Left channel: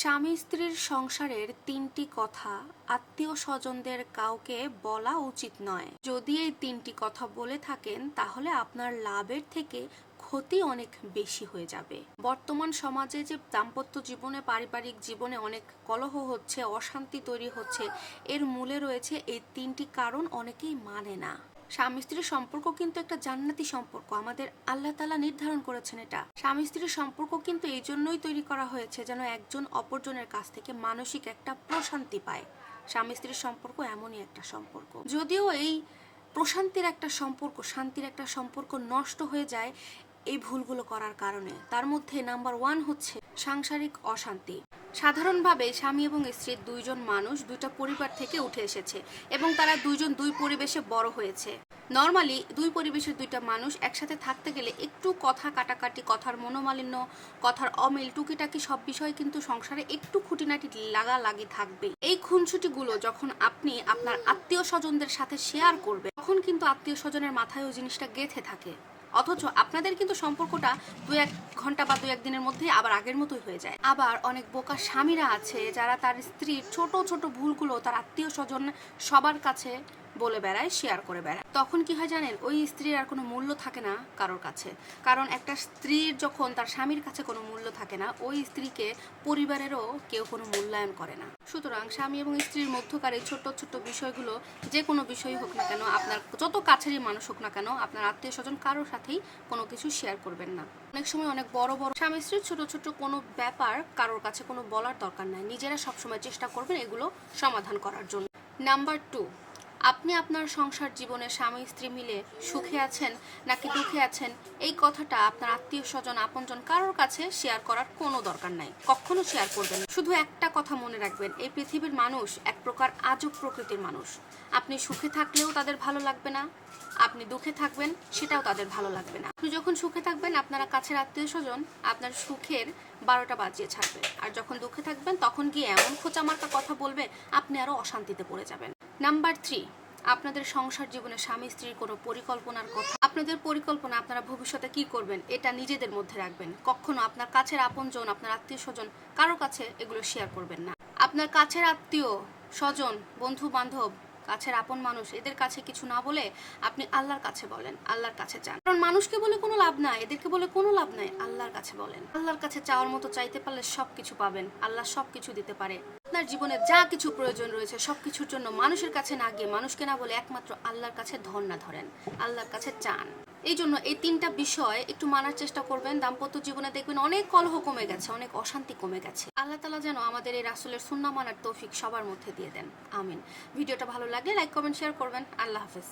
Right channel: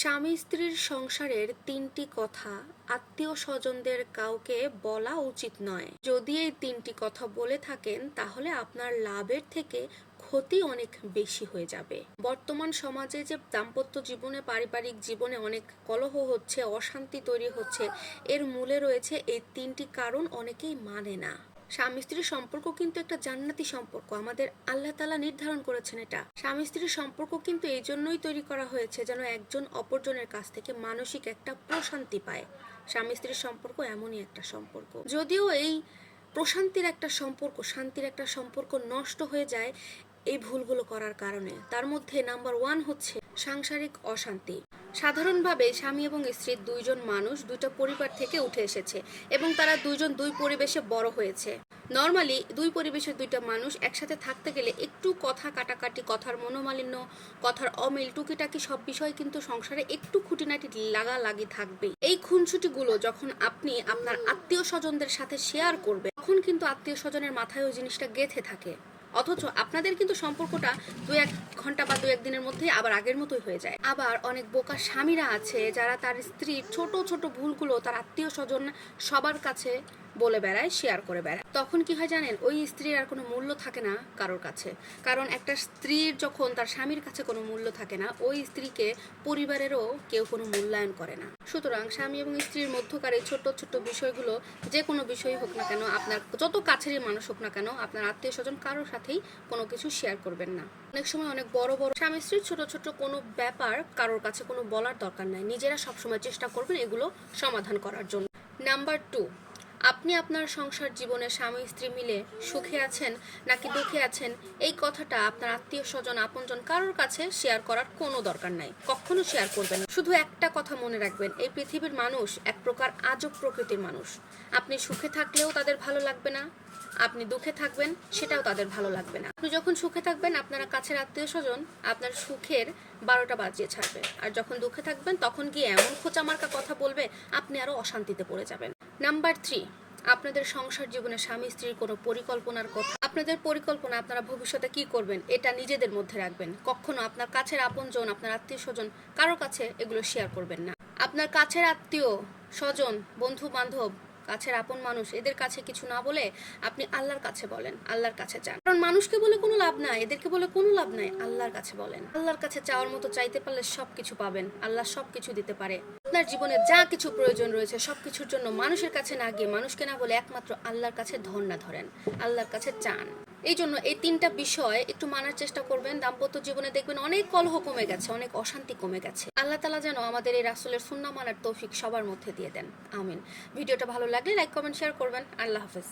স্বামী স্ত্রীর সংসারের তিনটি কথা আত্মীয় স্বজনদের কাউকে বলা উচিত নয়। যদি এই তিনটি কথা বলে থাকেন, তাহলে আপনার লাভের থেকে ক্ষতি অনেক বেশি হয়ে যাবে। বর্তমান সমাজে যে দাম্পত্য জীবনে, পারিবারিক জীবনে অনেক কলহ হচ্ছে, অশান্তি তৈরি হচ্ছে, এর মূলে রয়েছে এই তিনটি কারণ অনেকেই মানে না। স্বামী স্ত্রীর সম্পর্ক কিন্তু একটা জান্নাতি সম্পর্ক। আমাদের আল্লাহ তালা নির্ধারণ করেছেন এটা। স্বামী স্ত্রীর সম্পর্ক কিন্তু এই জন্যই তৈরি করা হয়েছে যেন একজন অপরজনের কাছ থেকে মানসিক একটা প্রশান্তি পায়। স্বামী স্ত্রীর সম্পর্ক এমনই একটা সম্পর্ক। যদিও এই প্রশান্তির একটা সম্পর্ক, শান্তির একটা সম্পর্ক নষ্ট হয়ে যায় এই ভুলগুলো করার কারণে। তার মধ্যে নাম্বার ওয়ান হচ্ছে সাংসারিক অশান্তি। সাধারণভাবে স্বামী এবং স্ত্রীর দুইজন মানুষ দুইটা পরিবার থেকে উঠে এসেছে এবং তারা দুইজন দুই পরিবেশে বড় হয়েছে। নর্মালি দুই পরিবেশের দুইটা মানুষ একসাথে থাকতে গেলে একটু কথা কাটাকাটি, কথার মনোমালিন্য, কথার অমিল, টুকিটাকি সব বিষয় কিন্তু সংসারে একটু খুঁটিনাটি লাগালাগি থাকবে এই খুনসুটিগুলো যখন আপনি আপনার আত্মীয় স্বজনদের সাথে শেয়ার করবে তখন কিন্তু আত্মীয় স্বজনের মাথায় ওই জিনিসটা গেঁথে থাকে। অথচ আপনাদের কিন্তু সম্পর্কটা দু এক ঘণ্টা বা দু একদিনের মধ্যে আবার আগের মতোই হয়ে যায়। আবার অনেক বোকা স্বামীরা আছে যারা তার স্ত্রীর ছোট ছোট ভুলগুলো তার আত্মীয় স্বজন সবার কাছে বলে বেড়ায় শেয়ার করে বেড়ায়। তখন কি হয় জানেন, ওই স্ত্রীর আর কোনো মূল্য থাকে না কারোর কাছে। কারণ একটা স্ত্রীর যখন তার স্বামীর কাছে কোনো মূল্য থাকে না, ওই স্ত্রীকে পরিবারেরও কেউ কোনো মূল্যায়ন করে না। সুতরাং স্বামী এবং স্ত্রীর মধ্যকার এই ছোট্ট ছোট বিষয়গুলো, যে কোনো বিষয় হোক না কেন, আপনার যত কাছেরই মানুষ হোক না কেন, আপনার আত্মীয় স্বজন কারোর সাথেই কোনো কিছু শেয়ার করবেন না। অনেক সময় অনেক বড় বড় স্বামী স্ত্রীর ছোট ছোট কোনো ব্যাপার কারোর কাছে কোনো বলার দরকার নাই। নিজেরা সবসময় চেষ্টা করবেন এগুলো সমাধান করার জন্য। নাম্বার টু আপনি আপনার সংসার জীবনে স্বামী, স্ত্রী মিলে সুখে আছেন নাকি দুঃখে আছেন? এই কথাটা আপনার আত্মীয় স্বজন, আপনজন কারোর কাছে শেয়ার করার কোনো দরকার নাই। কখনো শেয়ার করবেন শুধু একটা কথা মনে রাখবেন, এই পৃথিবীর মানুষ এক প্রকার আজব প্রকৃতির মানুষ। আপনি সুখে থাকলেও তাদের ভালো লাগবে না। আপনি দুঃখে থাকবেন, সেটাও তাদের ভালো লাগবে না। আপনি যখন সুখে থাকবেন, আপনারা কাছের আত্মীয় স্বজন আপনার সুখের বারোটা বাজিয়ে ছাড়বে। আর যখন দুঃখে থাকবেন, তখন গিয়ে এমন খোঁচামার্কা কথা বলবে, আপনি আরও অশান্তিতে পড়ে যাবেন। নাম্বার থ্রি আপনাদের সংসার জীবনে স্বামী, স্ত্রীর কোনো পরিকল্পনার কথা, আপনাদের পরিকল্পনা, আপনারা ভবিষ্যতে কি করবেন, এটা নিজেদের মধ্যে রাখবেন। কখনো আপনার কাছের আপনজন, আপনার আত্মীয় স্বজন কারও কাছে এগুলো শেয়ার করবেন না। আপনার কাছের আত্মীয়, স্বজন বন্ধু বান্ধব কাছের আপন মানুষ, এদের কাছে কিছু না বলে আপনি আল্লাহর কাছে বলেন, আল্লাহর কাছে চান। কারণ মানুষকে বলে কোনো লাভ নাই, এদেরকে বলে কোনো লাভ নাই, আল্লাহর কাছে বলেন। আল্লাহর কাছে চাওয়ার মতো চাইতে পারলে সব কিছু পাবেন, আল্লাহ সব কিছু দিতে পারে। আপনার জীবনে যা কিছু প্রয়োজন রয়েছে সব কিছুর জন্য মানুষের কাছে না গিয়ে মানুষকে না বলে একমাত্র আল্লাহর কাছে ধর্ণা ধরেন, আল্লাহর কাছে চান। এই জন্য এই তিনটা বিষয় একটু মানার চেষ্টা করবেন। দাম্পত্য জীবনে দেখবেন অনেক কলহ কমে গেছে, অনেক অশান্তি কমে গেছে। আল্লাহ তালা যেন আমাদের এই রাসুলের সুন্না মানার তৌফিক সবার মধ্যে দিয়ে দেন। আমিন। ভিডিওটা ভালো লাগলে লাইক কমেন্ট শেয়ার করবেন। আল্লাহ হাফেজ।